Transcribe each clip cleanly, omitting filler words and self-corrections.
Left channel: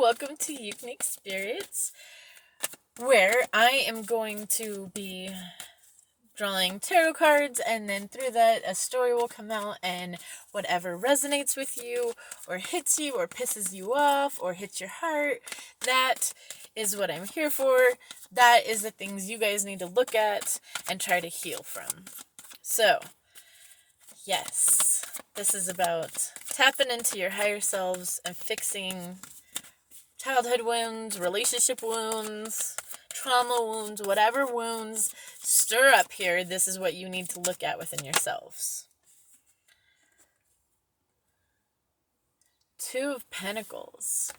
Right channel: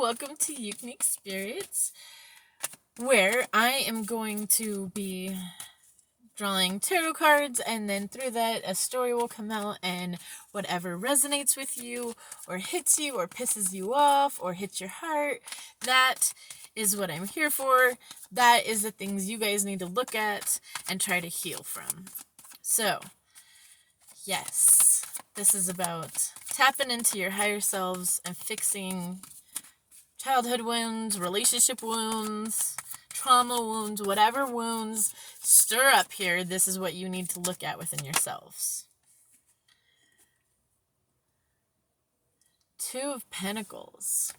welcome to Ukunique Spirits, where I am going to be drawing tarot cards, and then through that a story will come out, and whatever resonates with you or hits you or pisses you off or hits your heart, that is what I'm here for. That is the things you guys need to look at and try to heal from. So, yes, this is about tapping into your higher selves and fixing childhood wounds, relationship wounds, trauma wounds, whatever wounds stir up here. This is what you need to look at within yourselves. Two of Pentacles.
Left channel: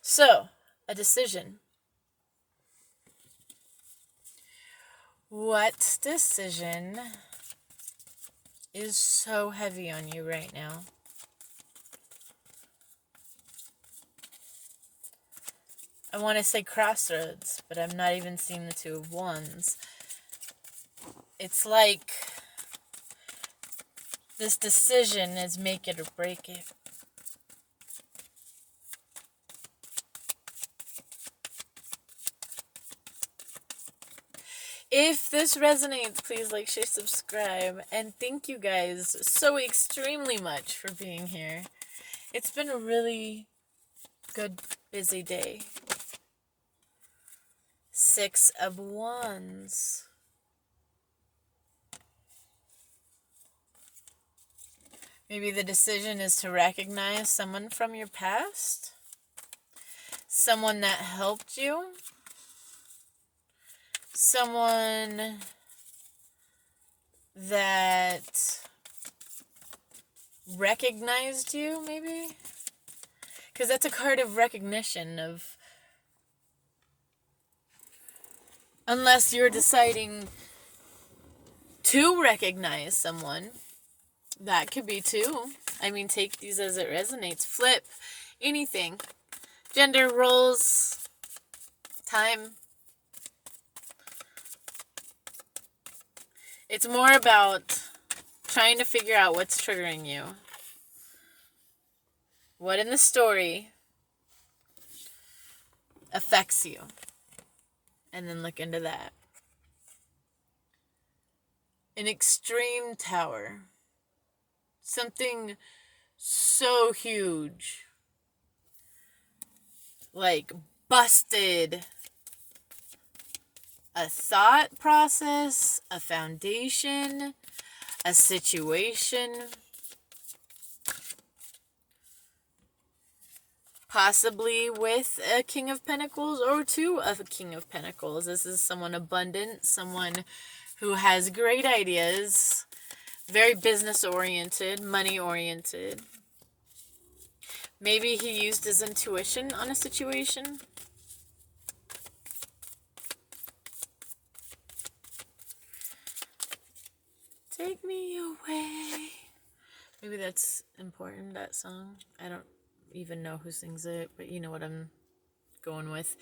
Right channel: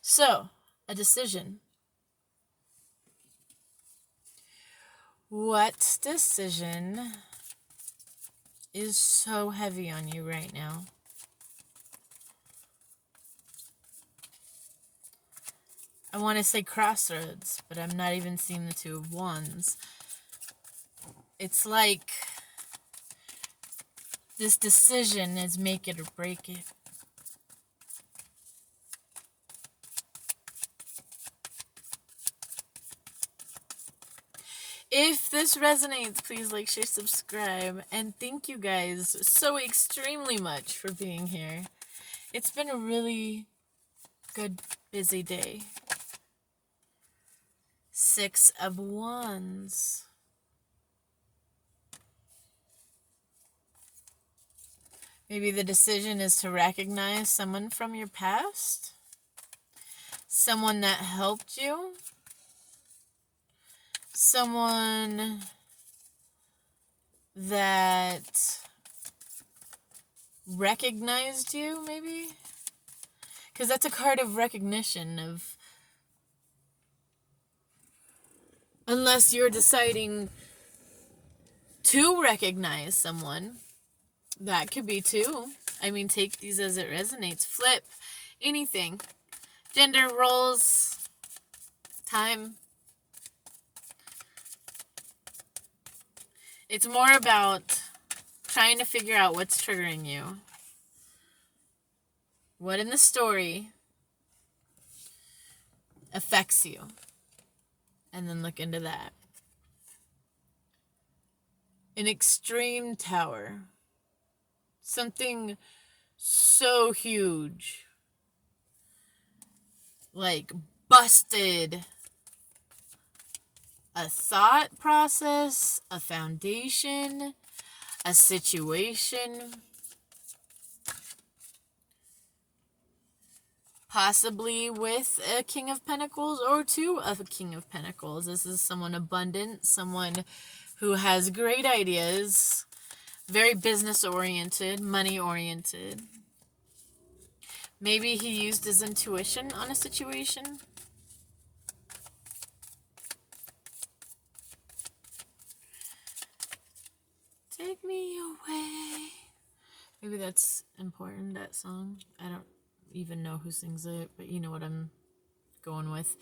So, a decision. What decision is so heavy on you right now? I want to say crossroads, but I'm not even seeing the Two of Wands. It's like this decision is make it or break it. If this resonates, please like, share, subscribe, and thank you guys so extremely much for being here. It's been a really good, busy day. Six of Wands. Maybe the decision is to recognize someone from your past. Someone that helped you. Someone that recognized you, maybe? Because that's a card of recognition, of unless you're deciding to recognize someone, that could be too. I mean, take these as it resonates. Flip, anything. Gender roles, time. It's more about trying to figure out what's triggering you. What in the story affects you? And then look into that. An extreme tower. Something so huge. Like busted a thought process, a foundation, a situation. Possibly with a King of Pentacles or two of a King of Pentacles. This is someone abundant, someone who has great ideas, very business-oriented, money-oriented. Maybe he used his intuition on a situation. Take me away. Maybe that's important, that song. I don't even know who sings it, but you know what I'm going with.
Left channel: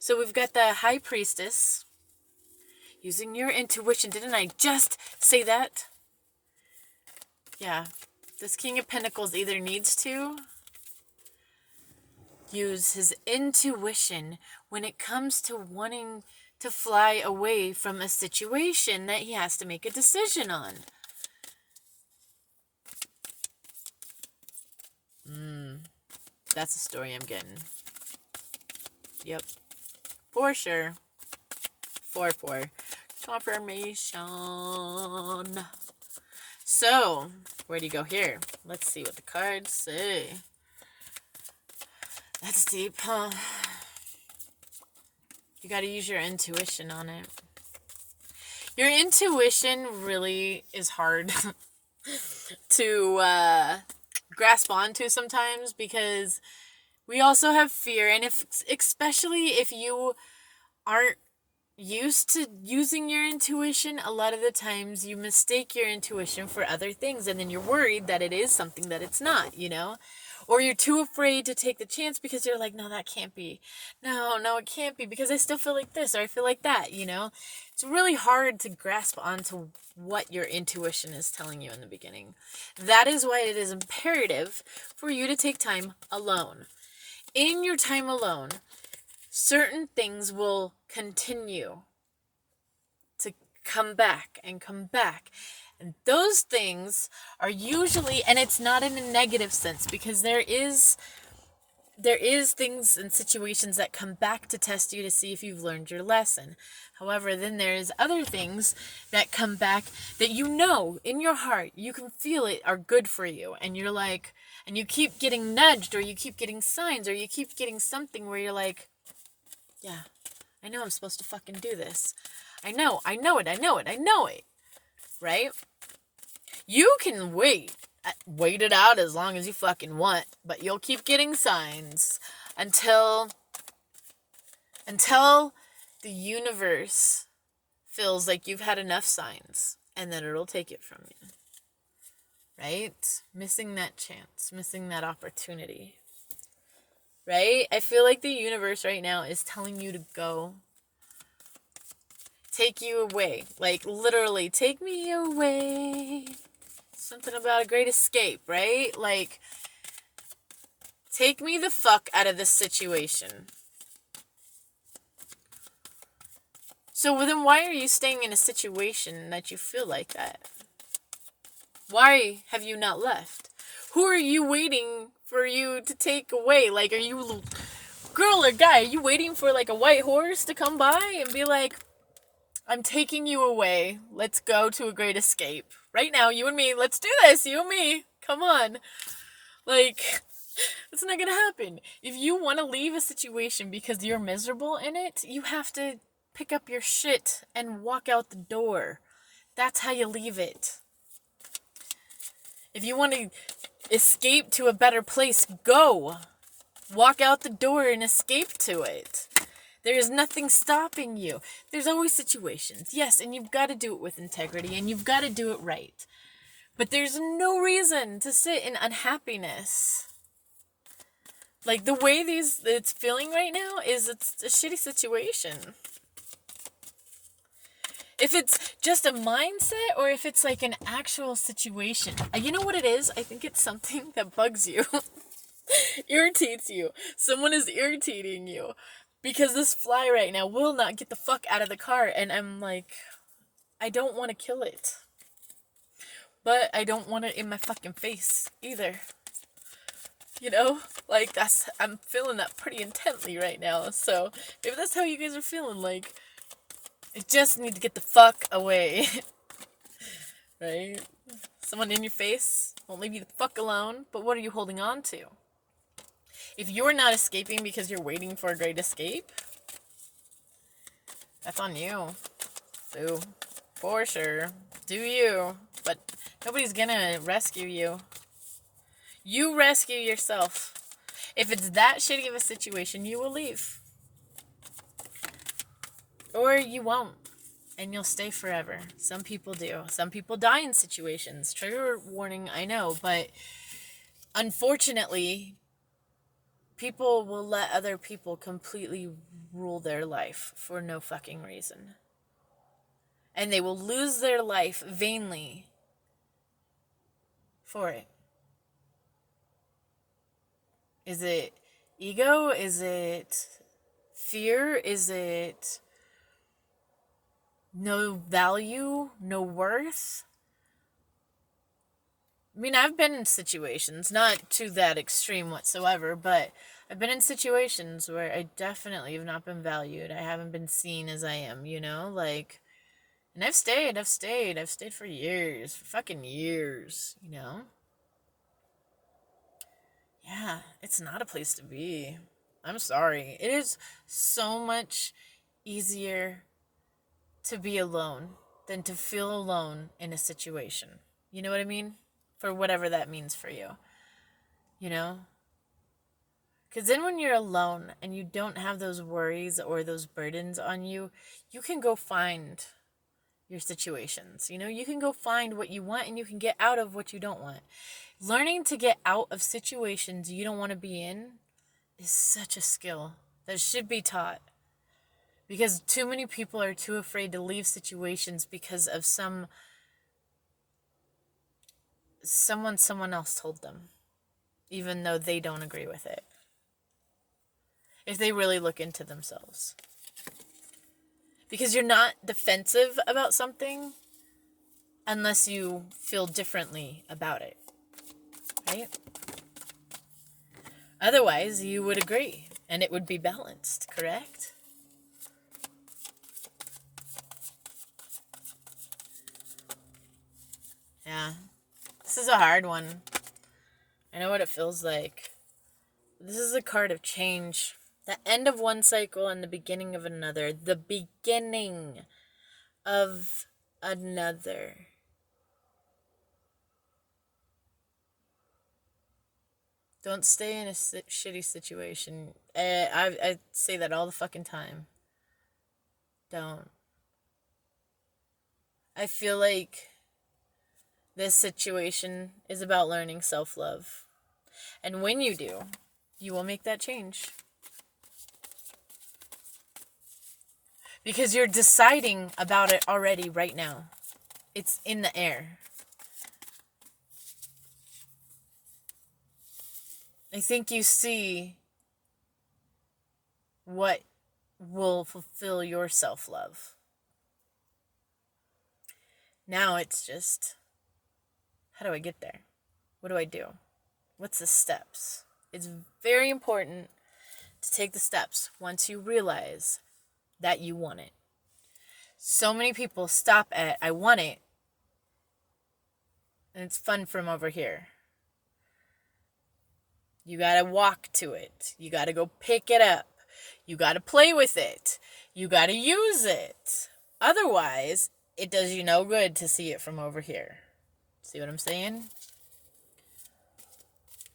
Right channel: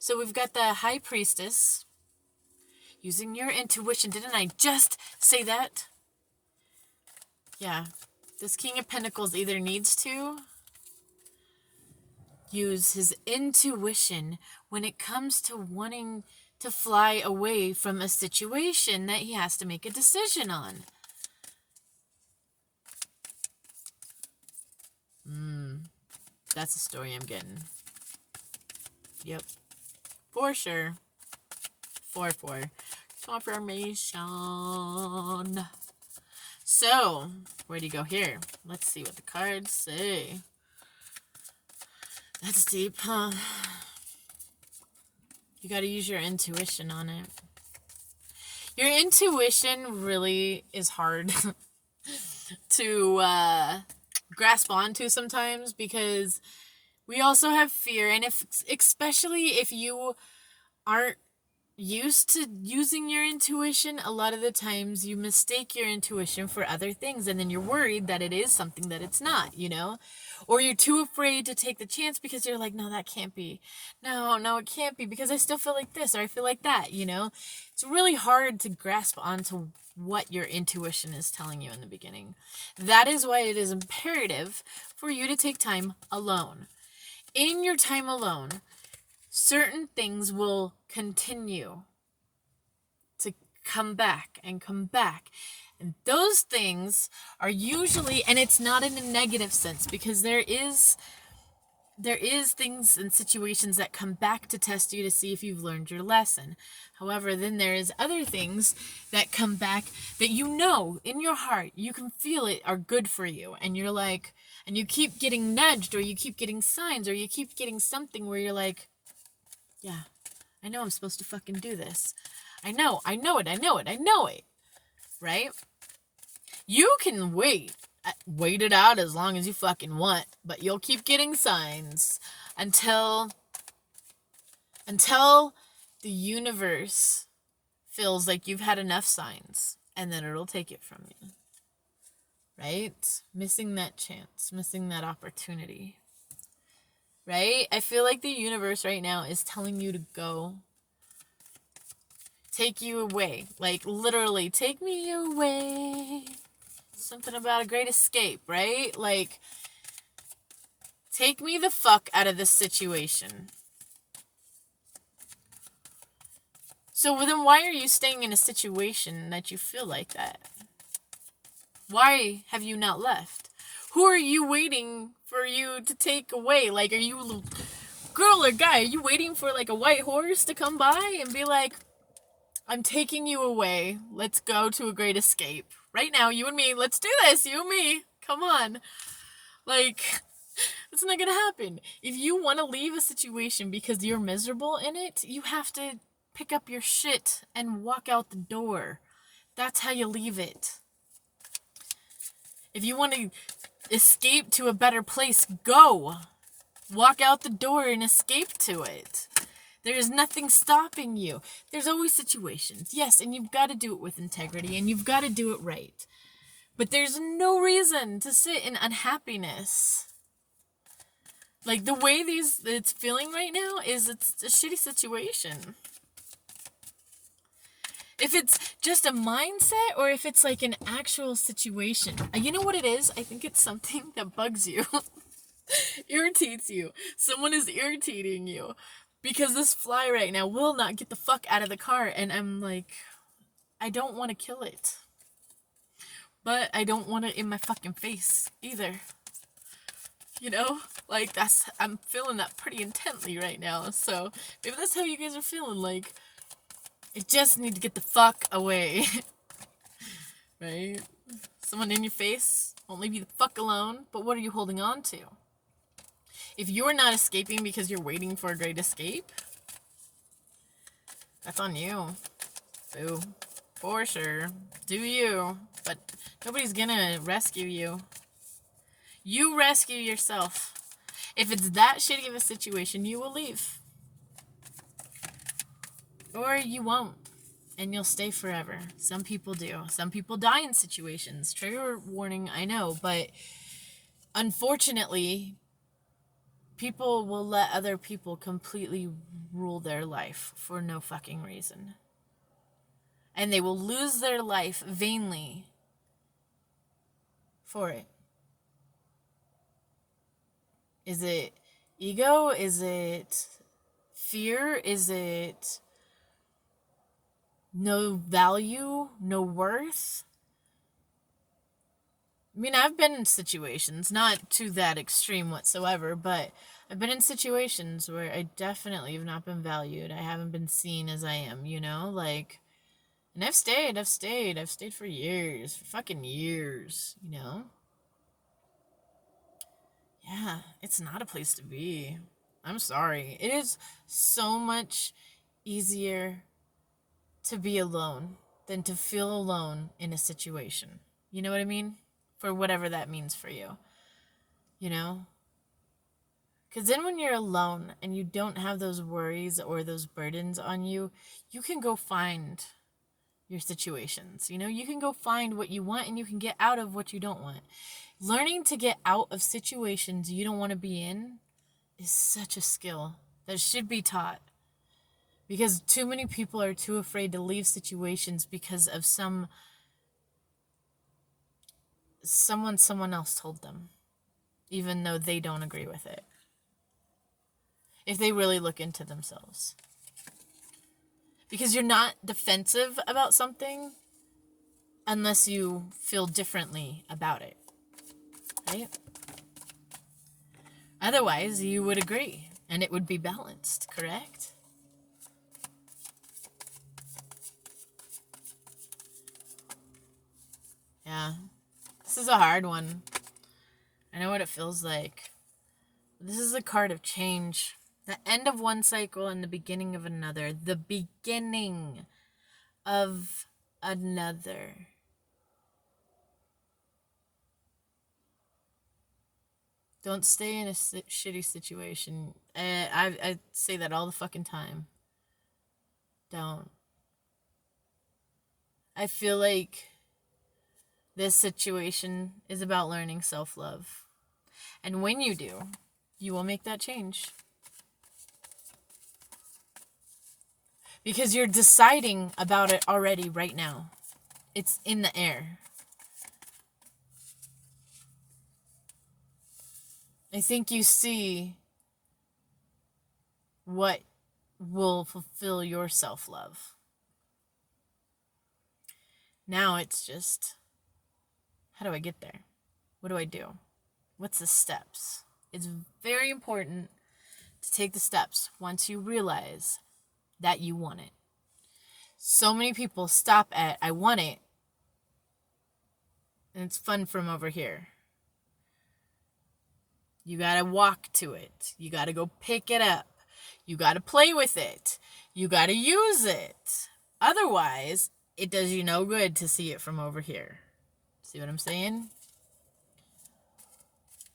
So we've got the High Priestess. Using your intuition. Didn't I just say that? Yeah. This King of Pentacles either needs to use his intuition when it comes to wanting to fly away from a situation that he has to make a decision on. That's the story I'm getting. Yep. For sure. 4-4. Confirmation. So, where do you go here? Let's see what the cards say. That's deep, huh? You got to use your intuition on it. Your intuition really is hard to grasp onto sometimes, because we also have fear, and especially if you aren't used to using your intuition, a lot of the times you mistake your intuition for other things, and then you're worried that it is something that it's not, you know? Or you're too afraid to take the chance because you're like, no, that can't be. No, it can't be, because I still feel like this or I feel like that, you know? It's really hard to grasp onto what your intuition is telling you in the beginning. That is why it is imperative for you to take time alone. in your time alone, certain things will continue to come back and come back. And those things are usually, and it's not in a negative sense, because there is things and situations that come back to test you to see if you've learned your lesson. However, then there's other things that come back that you know in your heart, you can feel it, are good for you. And you're like, and you keep getting nudged, or you keep getting signs, or you keep getting something where you're like, yeah, I know I'm supposed to fucking do this. I know it. Right? You can wait it out as long as you fucking want, but you'll keep getting signs until the universe feels like you've had enough signs, and then it'll take it from you. Right? Missing that chance, missing that opportunity. Right? I feel like the universe right now is telling you to go. Take you away. Like, literally, take me away. Something about a great escape, right? Like, take me the fuck out of this situation. So then why are you staying in a situation that you feel like that? Why have you not left? Who are you waiting for you to take away? Like, are you, girl or guy, are you waiting for like a white horse to come by and be like, I'm taking you away. Let's go to a great escape. Right now, you and me, let's do this. You and me. Come on. Like, it's not gonna happen. If you want to leave a situation because you're miserable in it, you have to pick up your shit and walk out the door. That's how you leave it. If you want to escape to a better place, go. Walk out the door and escape to it. There is nothing stopping you. There's always situations, yes, and you've got to do it with integrity, and you've got to do it right. But there's no reason to sit in unhappiness. Like, the way it's feeling right now is it's a shitty situation. If it's just a mindset, or if it's like an actual situation. You know what it is? I think it's something that bugs you. Irritates you. Someone is irritating you. Because this fly right now will not get the fuck out of the car. And I'm like, I don't want to kill it. But I don't want it in my fucking face either. You know? Like, I'm feeling that pretty intently right now. So, maybe that's how you guys are feeling. Like, I just need to get the fuck away. Right? Someone in your face won't leave you the fuck alone. But what are you holding on to? If you're not escaping because you're waiting for a great escape, that's on you. Boo. For sure. Do you. But nobody's gonna rescue you. You rescue yourself. If it's that shitty of a situation, you will leave. Or you won't. And you'll stay forever. Some people do. Some people die in situations. Trigger warning, I know. But unfortunately, people will let other people completely rule their life for no fucking reason. And they will lose their life vainly for it. Is it ego? Is it fear? Is it no value? No worth? I mean, I've been in situations, not to that extreme whatsoever, but I've been in situations where I definitely have not been valued. I haven't been seen as I am, you know? Like, and I've stayed for years, for fucking years, you know? Yeah, it's not a place to be. I'm sorry. It is so much easier to be alone than to feel alone in a situation. You know what I mean? For whatever that means for you. You know? Because then when you're alone and you don't have those worries or those burdens on you, you can go find your situations. You know, you can go find what you want and you can get out of what you don't want. Learning to get out of situations you don't want to be in is such a skill that should be taught. Because too many people are too afraid to leave situations because of someone else told them, even though they don't agree with it. if they really look into themselves. Because you're not defensive about something unless you feel differently about it, right? Otherwise, you would agree, and it would be balanced, correct? Yeah, this is a hard one. I know what it feels like. This is a card of change. The end of one cycle and the beginning of another. The beginning of another. Don't stay in a shitty situation. I say that all the fucking time. Don't. I feel like this situation is about learning self-love. And when you do, you will make that change. Because you're deciding about it already right now. It's in the air. I think you see what will fulfill your self-love. Now it's just, how do I get there? What do I do? What's the steps? It's very important to take the steps once you realize that you want it. So many people stop at, I want it, and it's fun from over here. You gotta walk to it. You gotta go pick it up. You gotta play with it. You gotta use it. Otherwise, it does you no good to see it from over here. See what I'm saying?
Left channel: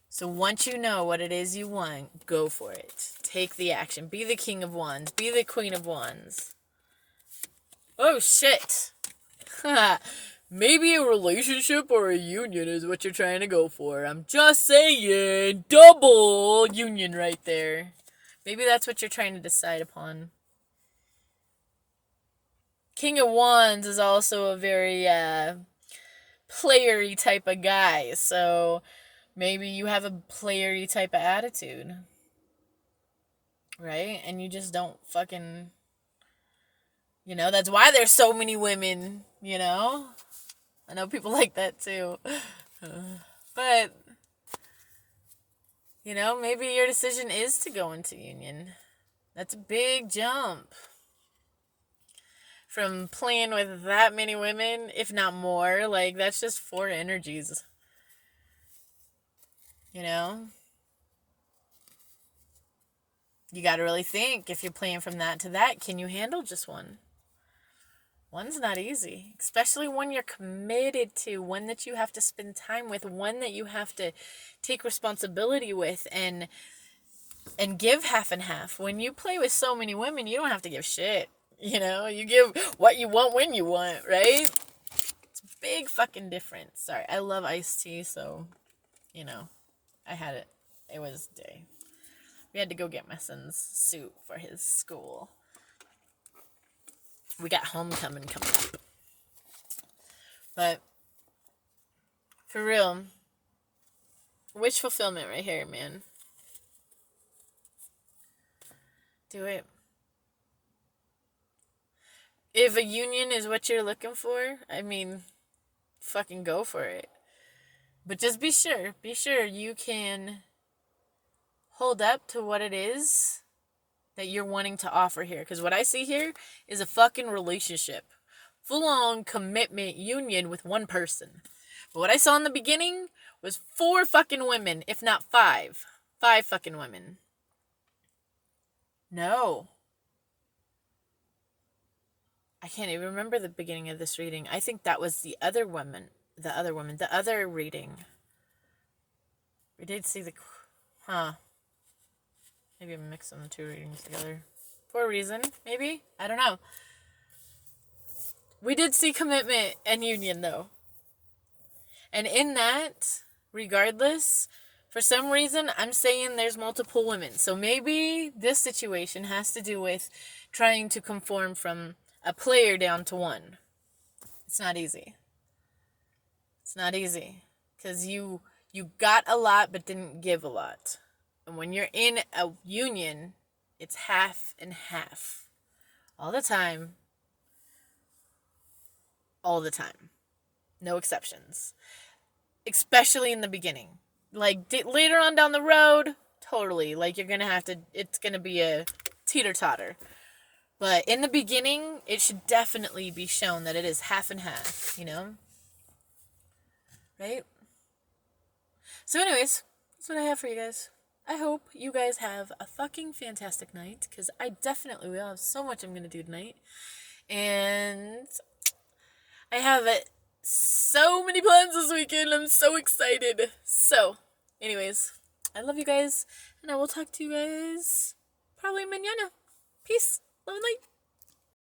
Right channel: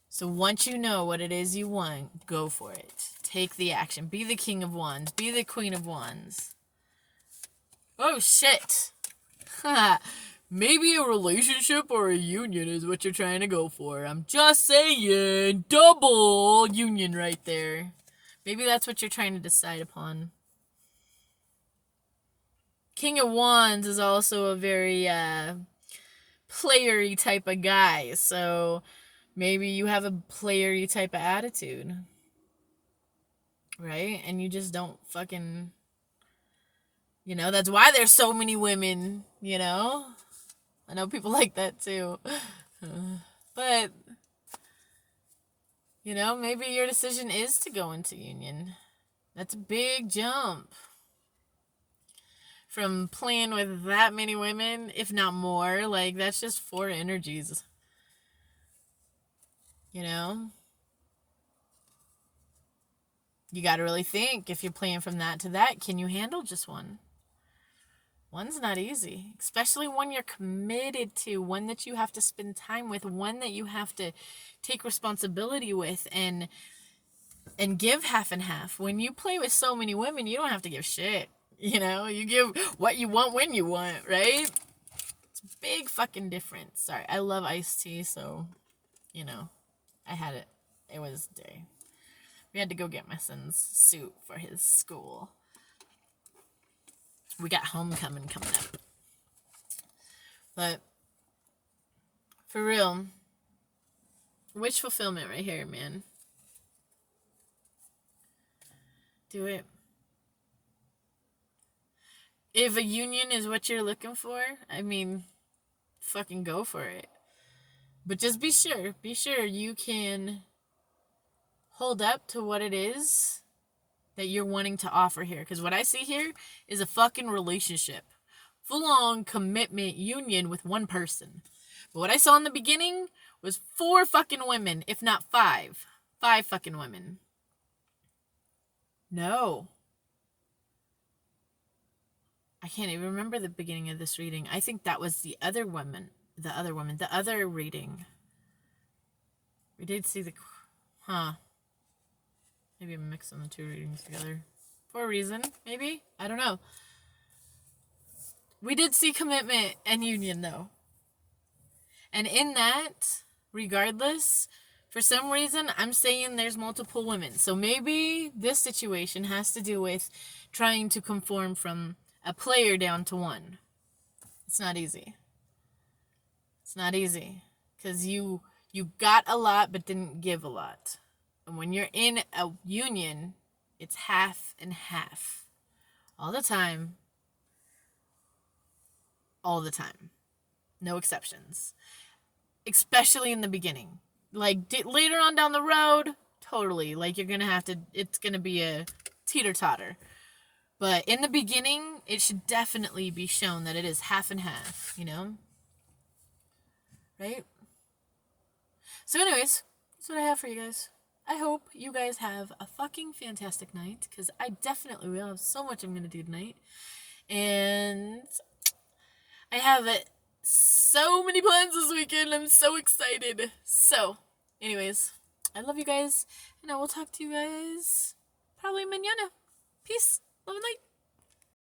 So once you know what it is you want, go for it. Take the action. Be the King of Wands. Be the Queen of Wands. Oh, shit. Maybe a relationship or a union is what you're trying to go for. I'm just saying. Double union right there. Maybe that's what you're trying to decide upon. King of Wands is also a very playery type of guy. So maybe you have a playery type of attitude. Right? And you just don't fucking... You know, that's why there's so many women, you know? I know people like that too. But, you know, maybe your decision is to go into union. That's a big jump. From playing with that many women, if not more, like, that's just 4 energies. You know? You gotta really think, if you're playing from that to that, can you handle just one? One's not easy, especially one you're committed to, one that you have to spend time with, one that you have to take responsibility with and give half and half. When you play with so many women, you don't have to give shit. You know, you give what you want when you want, right? It's a big fucking difference. Sorry, I love iced tea, so, you know, I had it. It was day. We had to go get my son's suit for his school. We got homecoming coming up. But, for real, wish fulfillment right here, man. Do it. If a union is what you're looking for, I mean, fucking go for it. But just be sure you can hold up to what it is that you're wanting to offer here. Because what I see here is a fucking relationship. Full-on commitment union with one person. But what I saw in the beginning was 4 fucking women, if not 5. 5 fucking women. No. I can't even remember the beginning of this reading. I think that was the other reading. We did see the... Maybe I'm mixing the 2 readings together. For a reason, maybe? I don't know. We did see commitment and union, though. And in that, regardless, for some reason, I'm saying there's multiple women. So maybe this situation has to do with trying to conform from a player down to 1. It's not easy. It's not easy. Because you got a lot but didn't give a lot. And when you're in a union, It's half and half. All the time. All the time. No exceptions. Especially in the beginning. Like, later on down the road, totally. Like, you're gonna have to, it's gonna be a teeter-totter. But in the beginning, it should definitely be shown that it is half and half, you know? Right? So anyways, that's what I have for you guys. I hope you guys have a fucking fantastic night, because I definitely will have so much I'm gonna do tonight. And I have so many plans this weekend. I'm so excited. So, anyways, I love you guys, and I will talk to you guys probably mañana. Peace. Love and light.